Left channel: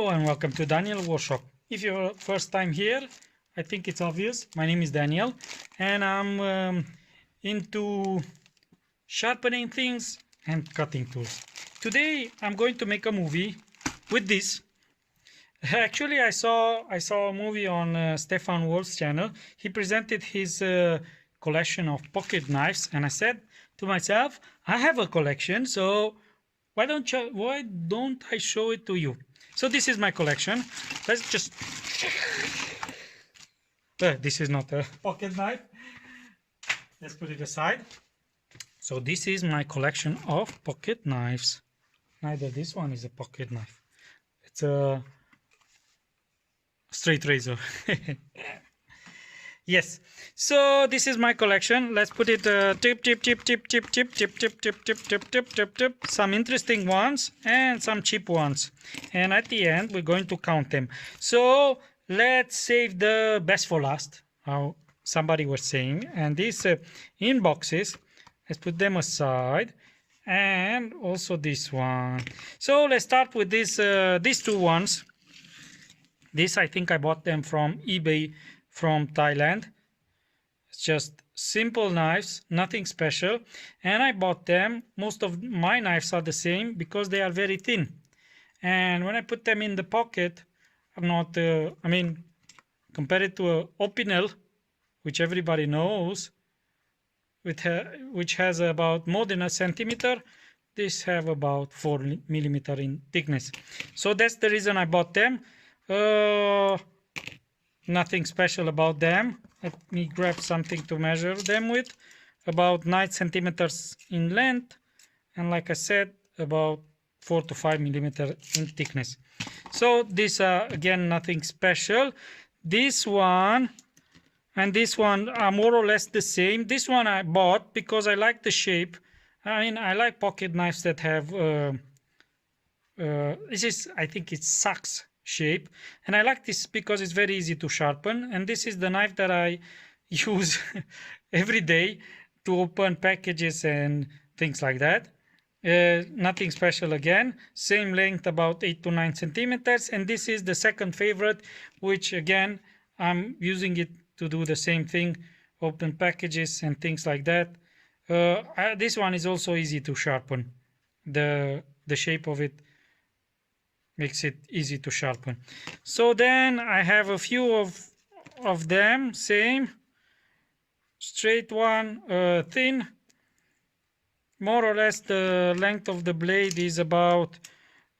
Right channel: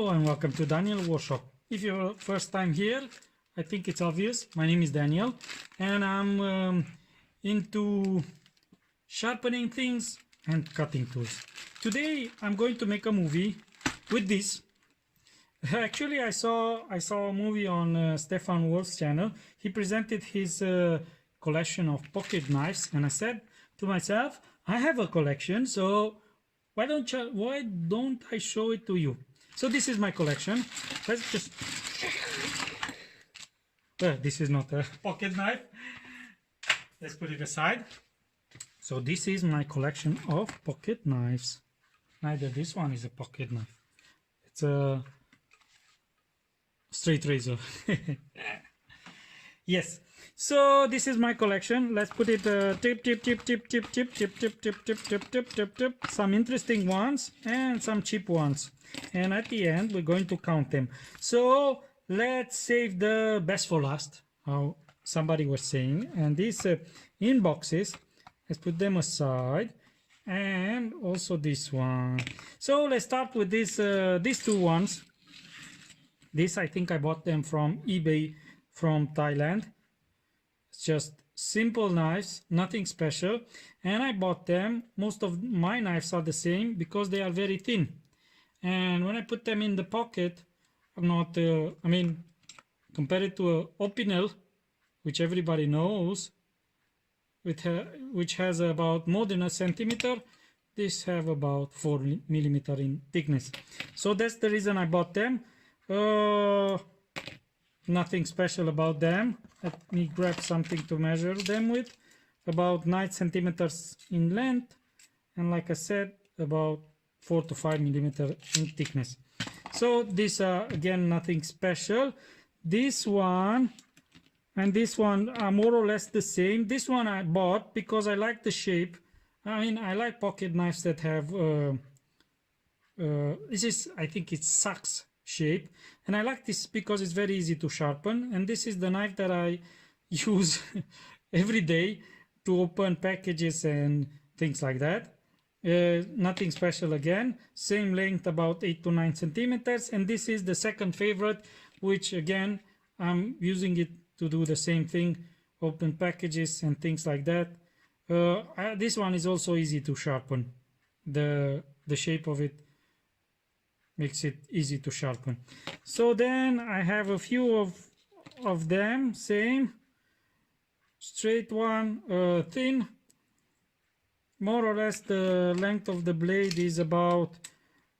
Hello and welcome to Daniel Workshop. If you're first time here, I think it's obvious. My name is Daniel and I'm into sharpening things and cutting tools. Today I'm going to make a movie with this. Actually, I saw a movie on Stefan Wolf's channel. He presented his collection of pocket knives, and I said to myself, I have a collection, so why don't I show it to you? So this is my collection. Let's just this is not a pocket knife. Let's put it aside. So this is my collection of pocket knives. Neither this one is a pocket knife. It's a straight razor. Yes, so this is my collection. Let's put it tip. Some interesting ones and some cheap ones, and at the end we're going to count them. So let's save the best for last, how somebody was saying. And these in boxes, let's put them aside, and also this one. So let's start with this these two ones. This, I think I bought them from eBay from Thailand. It's just simple knives, nothing special, and I bought them. Most of my knives are the same because they are very thin, and when I put them in the pocket, I'm not I mean, compared to a Opinel, which everybody knows, which has about more than a centimeter, these have about 4 millimeter in thickness. So that's the reason I bought them. Nothing special about them. Let me grab something to measure them with. About 9 centimeters in length, and like I said, about 4 to 5 millimeter in thickness. So these are again nothing special. This one and this one are more or less the same. This one I bought because I like the shape. I mean, I like pocket knives that have this is, I think it's sax shape, and I like this because it's very easy to sharpen, and this is the knife that I use every day to open packages and things like that. Nothing special again, same length, about 8 to 9 centimeters, and this is the second favorite, which again I'm using it to do the same thing, open packages and things like that. This one is also easy to sharpen. The shape of it makes it easy to sharpen. So then I have a few of them, same, straight one, thin. More or less the length of the blade is about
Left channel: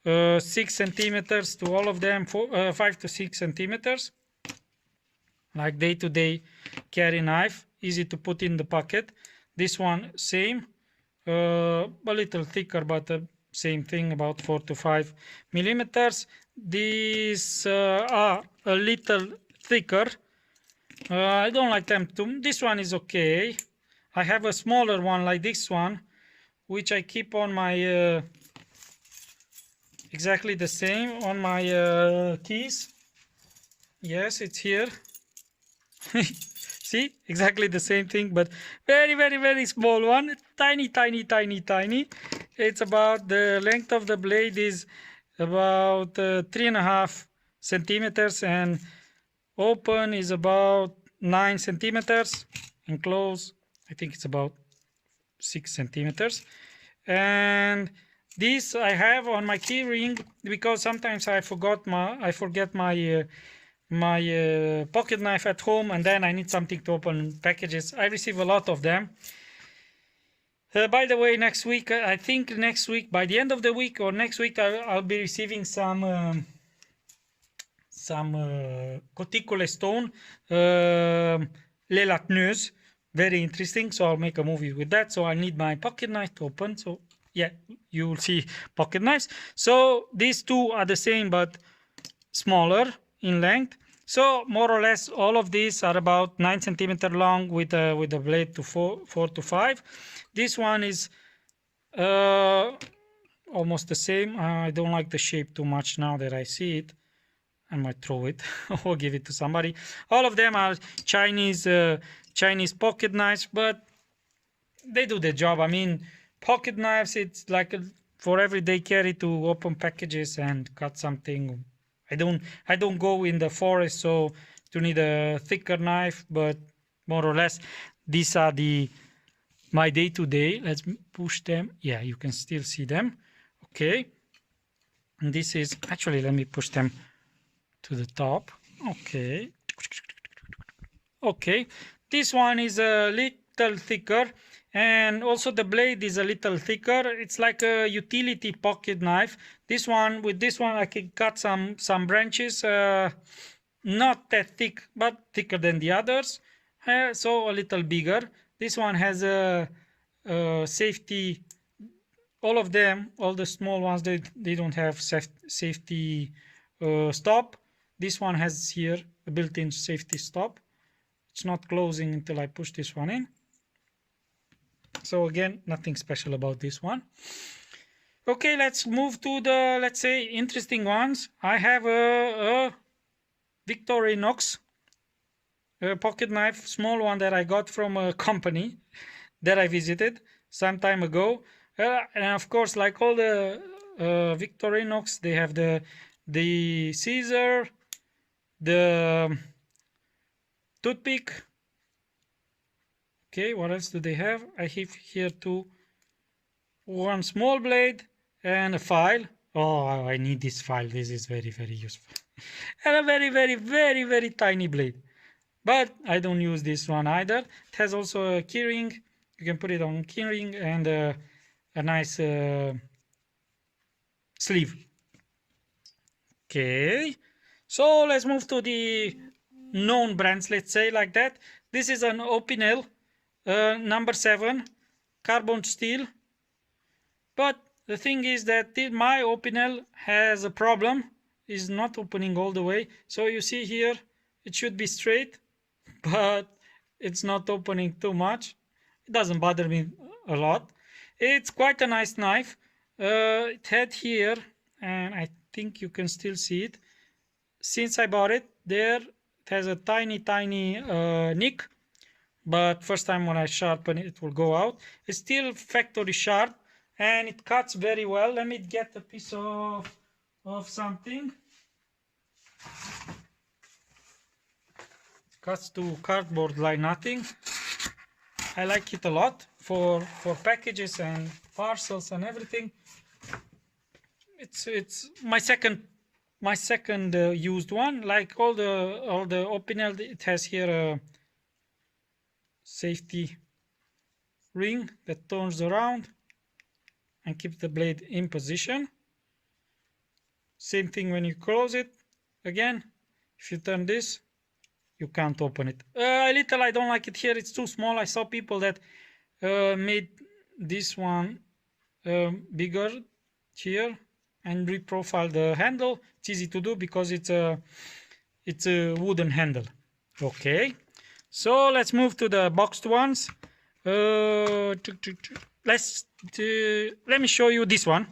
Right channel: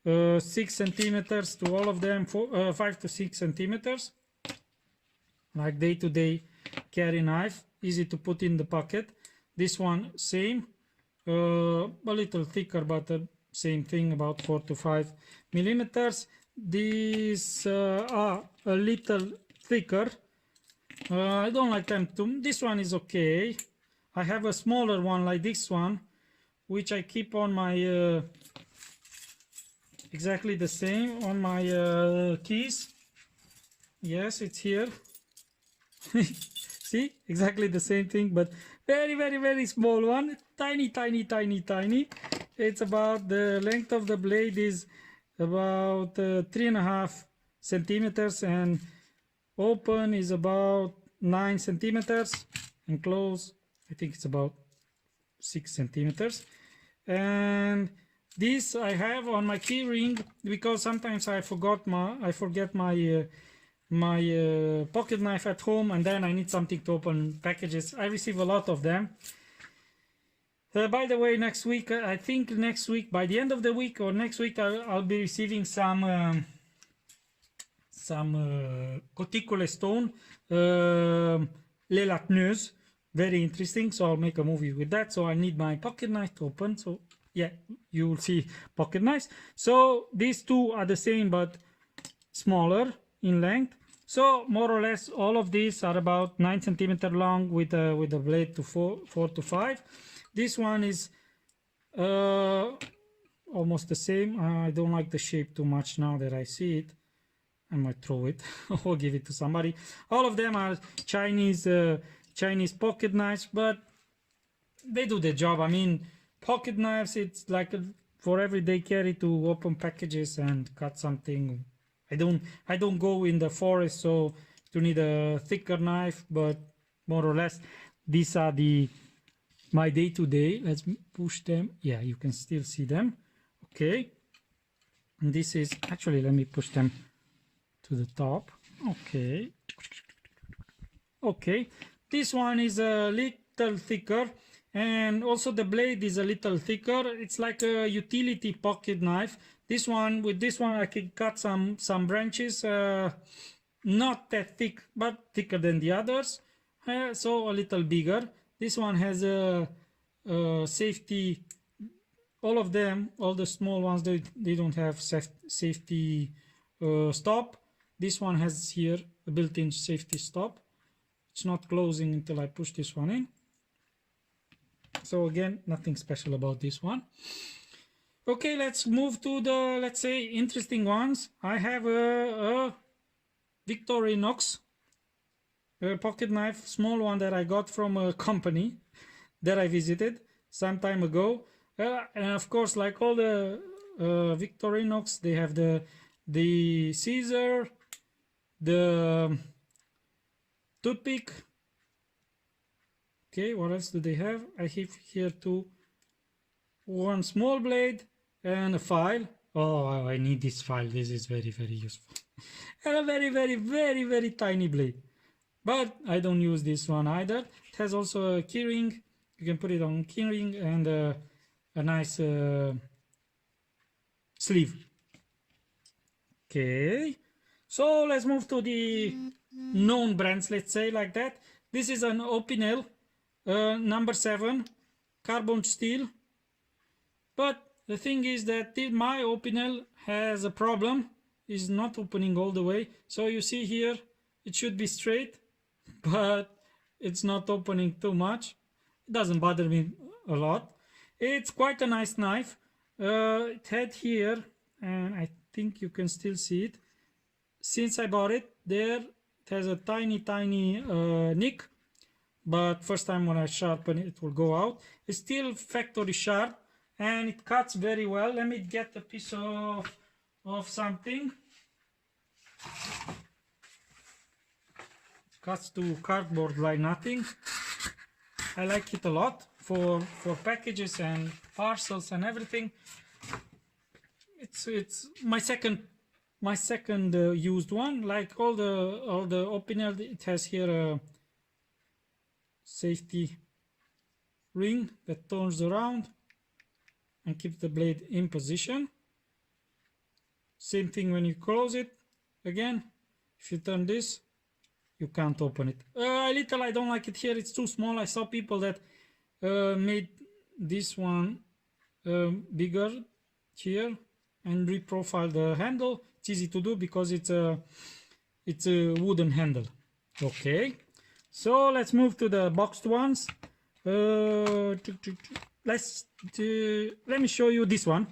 6 centimeters to all of them, 5 to 6 centimeters. Like day-to-day carry knife, easy to put in the pocket. This one same, a little thicker, but same thing, about 4 to 5 millimeters. These are a little thicker. I don't like them too. This one is okay. I have a smaller one like this one, which I keep on my exactly the same on my keys. Yes, it's here. See, exactly the same thing, but very small one. Tiny. It's about, the length of the blade is about 3.5 centimeters, and open is about 9 centimeters, and close I think it's about 6 centimeters. And this I have on my key ring because sometimes I forget my pocket knife at home, and then I need something to open packages. I receive a lot of them. By the way, next week, I think next week, by the end of the week or next week, I'll be receiving some cuticule stone, les latneuses. Very interesting. So I'll make a movie with that. So I need my pocket knife to open. So yeah, you will see pocket knives. So these two are the same but smaller in length. So more or less all of these are about 9 centimeter long with a blade to 4 to 5. This one is almost the same. I don't like the shape too much now that I see it. I might throw it or give it to somebody. All of them are Chinese pocket knives, but they do the job. I mean, pocket knives, it's like for everyday carry to open packages and cut something I don't go in the forest, so you need a thicker knife, but more or less these are my day-to-day. Let's push them. Yeah, you can still see them. Okay, and this is actually, let me push them to the top. Okay, okay, this one is a little thicker, and also the blade is a little thicker. It's like a utility pocket knife. This one, with this one I can cut some branches, not that thick but thicker than the others, so a little bigger. This one has a safety. All of them, all the small ones, they don't have safety stop. This one has here a built-in safety stop. It's not closing until I push this one in. So again, nothing special about this one. Okay, let's move to the, let's say, interesting ones. I have a Victorinox pocket knife, small one that I got from a company that I visited some time ago. And of course, like all the Victorinox, they have the scissor, the toothpick. Okay, what else do they have? I have here one small blade and a file. Oh, I need this file. This is very, very useful. And a very, very, very, very tiny blade. But I don't use this one either. It has also a keyring. You can put it on keyring and a nice sleeve. Okay, so let's move to the known brands, let's say like that. This is an Opinel number 7 carbon steel, but the thing is that my Opinel has a problem, is not opening all the way. So you see here it should be straight, but it's not opening too much. It doesn't bother me a lot. It's quite a nice knife. It had here, and I think you can still see it. Since I bought it, there it has a tiny nick, but first time when I sharpen it, it will go out. It's still factory sharp, and it cuts very well. Let me get a piece of something. It cuts to cardboard like nothing. I like it a lot for packages and parcels and everything. It's my second used one. Like all the Opinel, it has here a safety ring that turns around and keeps the blade in position. Same thing when you close it. Again, if you turn this, you can't open it. A little, I don't like it here. It's too small. I saw people that made this one bigger here and reprofile the handle. It's easy to do because it's a wooden handle. Okay, so let's move to the boxed ones. Let me show you this one.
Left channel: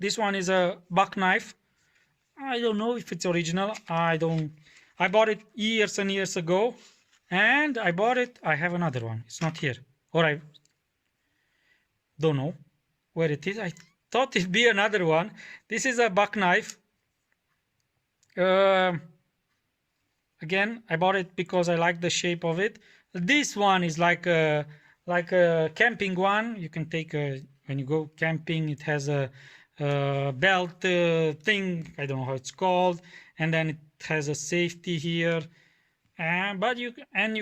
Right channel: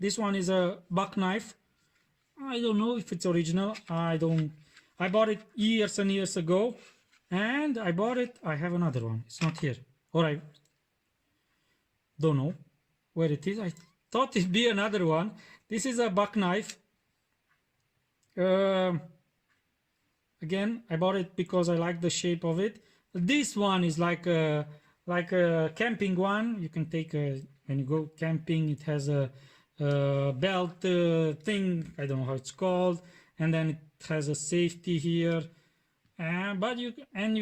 This one is a buck knife. I don't know if it's original. I bought it years and years ago, and I have another one. It's not here, or I don't know where it is. I thought it'd be another one. This is a buck knife. Again, I bought it because I like the shape of it. This one is like a camping one. You can take when you go camping. It has a belt thing. I don't know how it's called, and then it has a safety here. But you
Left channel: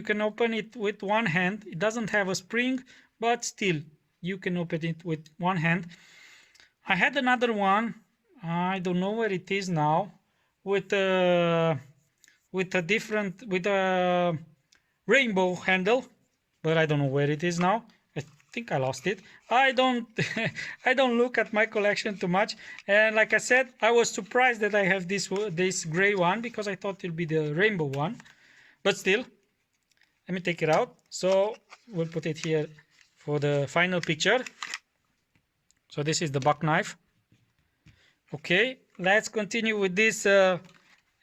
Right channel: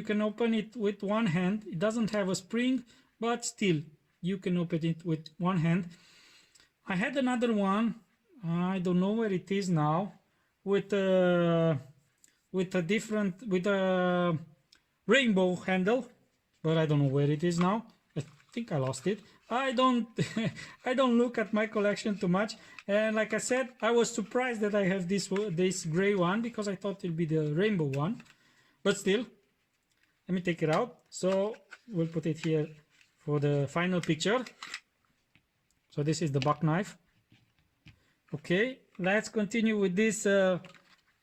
can open it with one hand. It doesn't have a spring, but still you can open it with one hand. I had another one. I don't know where it is now. With a rainbow handle, but I don't know where it is now. I think I lost it. I don't look at my collection too much, and like I said, I was surprised that I have this gray one because I thought it'd be the rainbow one, but still, let me take it out. So we'll put it here for the final picture. So this is the buck knife. Okay, let's continue with this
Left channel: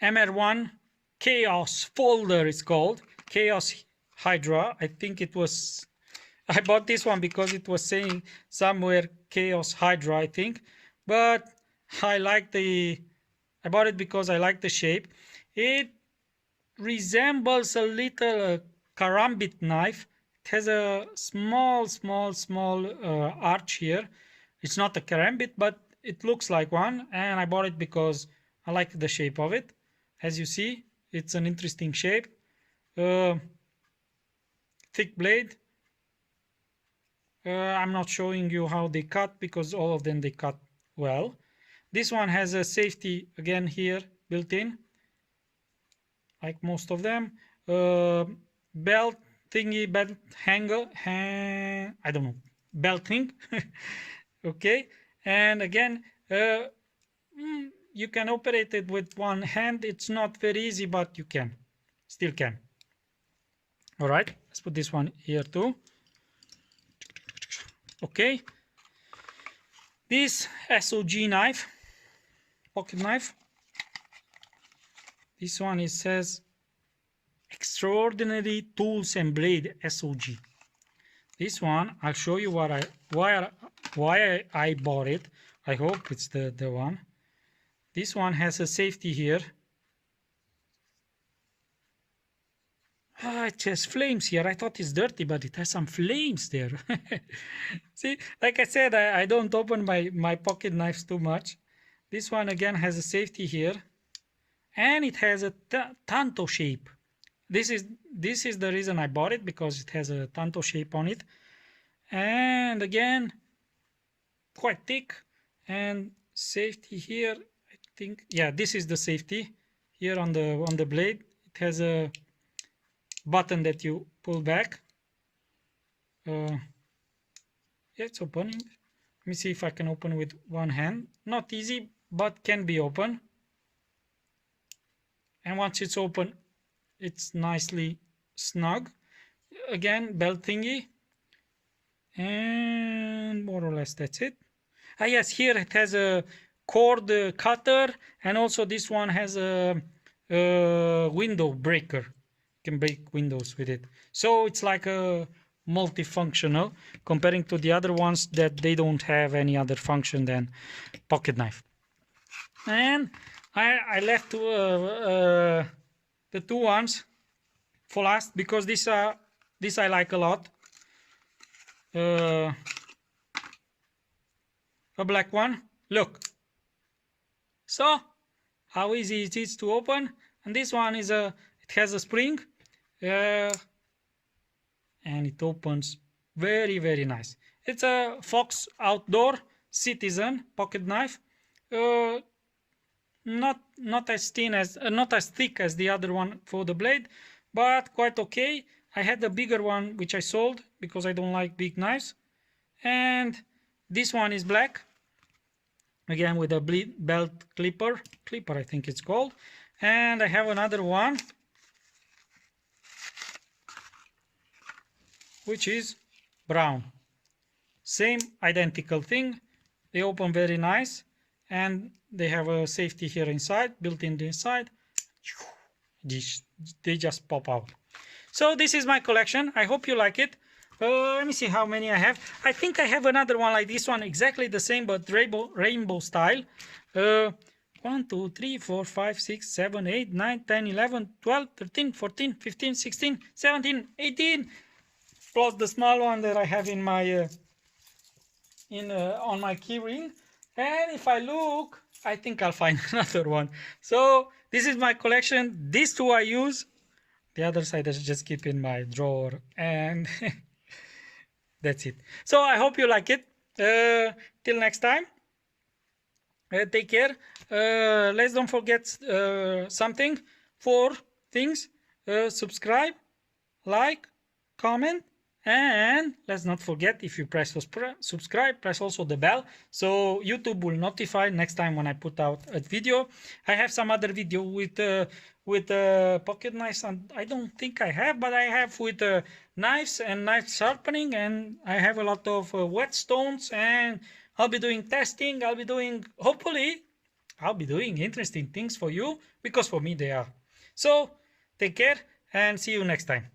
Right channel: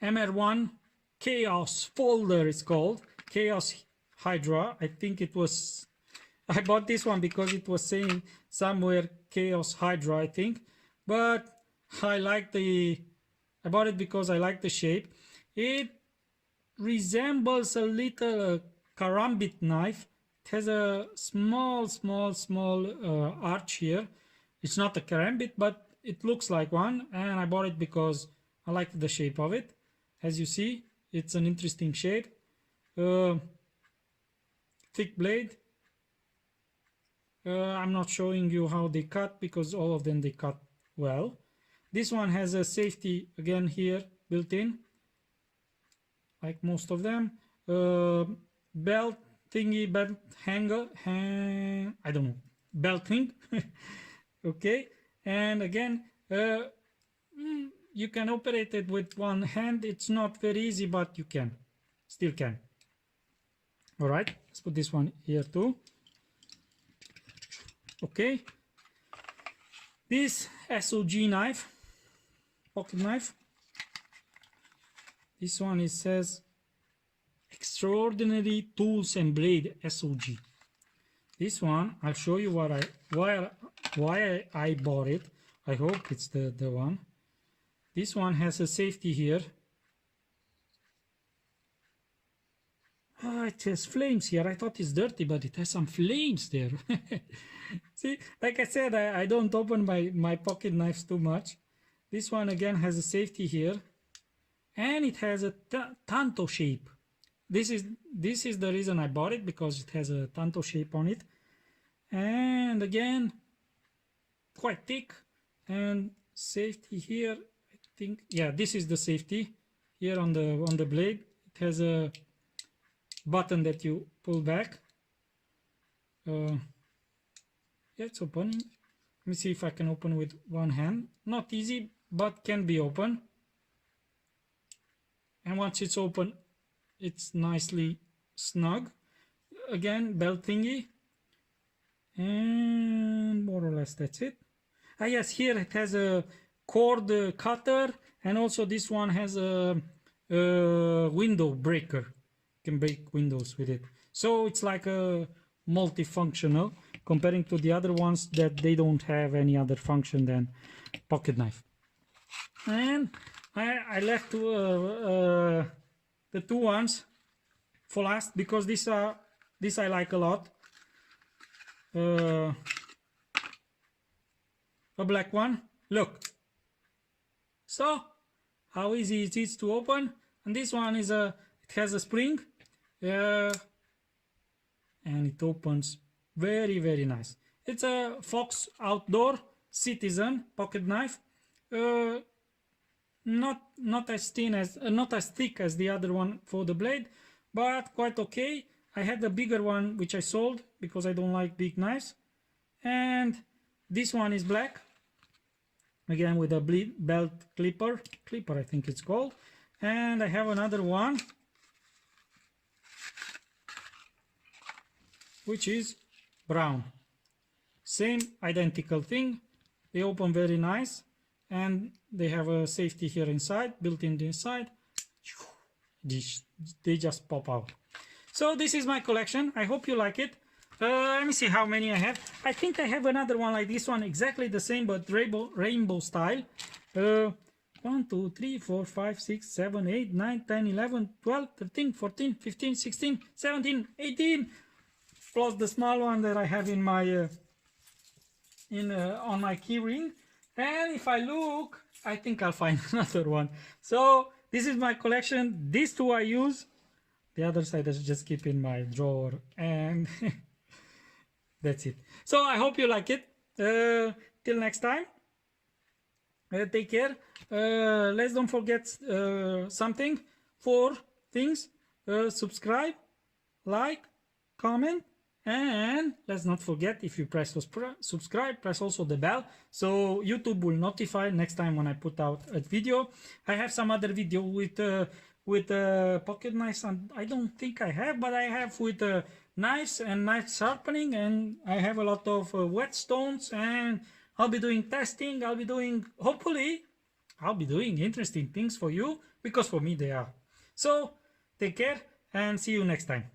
MR1 Chaos folder. It's called Chaos Hydra. I think I bought this one because it was saying somewhere Chaos Hydra, I think, but I like the I bought it because I like the shape. It resembles a little karambit knife. It has a small arch here. It's not a karambit, but it looks like one, and I bought it because I like the shape of it. As you see, it's an interesting shape. Thick blade. I'm not showing you how they cut because all of them they cut well. This one has a safety again here built in, like most of them. Belt thingy, belt hanger, I don't know, belt thing. Okay, and again, you can operate it with one hand. It's not very easy, but you can, still can. All right, let's put this one here too. Okay, this SOG knife, pocket knife. This one, it says Extraordinary Tools and Blade SOG. This one, I'll show you why I bought it. I hope it's the one. This one has a safety here. Ah, it has flames here. I thought it's dirty, but it has some flames there. See, like I said, I don't open my pocket knives too much. This one again has a safety here, and it has a tanto shape. This is the reason I bought it, because it has a tanto shape on it, and again quite thick, and safety here. I think, yeah, this is the safety here on the blade. It has a button that you pull back. Yeah, it's opening. Let me see if I can open with one hand. Not easy, but can be open. And once it's open, it's nicely snug. Again, belt thingy, and more or less that's it. Ah yes, here it has a cord cutter, and also this one has a window breaker. You can break windows with it. So it's like a multifunctional, comparing to the other ones that they don't have any other function than pocket knife. And I left the two ones for last, because this I like a lot. A black one. Look. So how easy it is to open. And this one is it has a spring, and it opens very, very nice. It's a Fox Outdoor Citizen pocket knife. Not as thin as not as thick as the other one for the blade, but quite okay. I had the bigger one which I sold because I don't like big knives, and this one is black, again with a belt clipper I think it's called. And I have another one which is brown. Same identical thing. They open very nice, and they have a safety here inside, built in the inside. They just pop out. So this is my collection. I hope you like it. Let me see how many I have. I think I have another one like this one, exactly the same, but rainbow style. 1, 2, 3, 4, 5, 6, 7, 8, 9, 10, 11, 12, 13, 14, 15, 16, 17, 18, plus the small one that I have in my on my key ring. And if I look, I think I'll find another one. So this is my collection. These two I use. The other side I just keep in my drawer, and that's it. So I hope you like it. Till next time. Take care. Let's don't forget something. 4 things. Subscribe, like, comment, and let's not forget, if you press subscribe, press also the bell, so YouTube will notify next time when I put out a video. I have some other video with pocket knives, and I don't think I have, but I have with knives and knife sharpening, and I have a lot of whetstones, and I'll be doing testing. Hopefully I'll be doing interesting things for you, because for me they are. So take care and see you next time.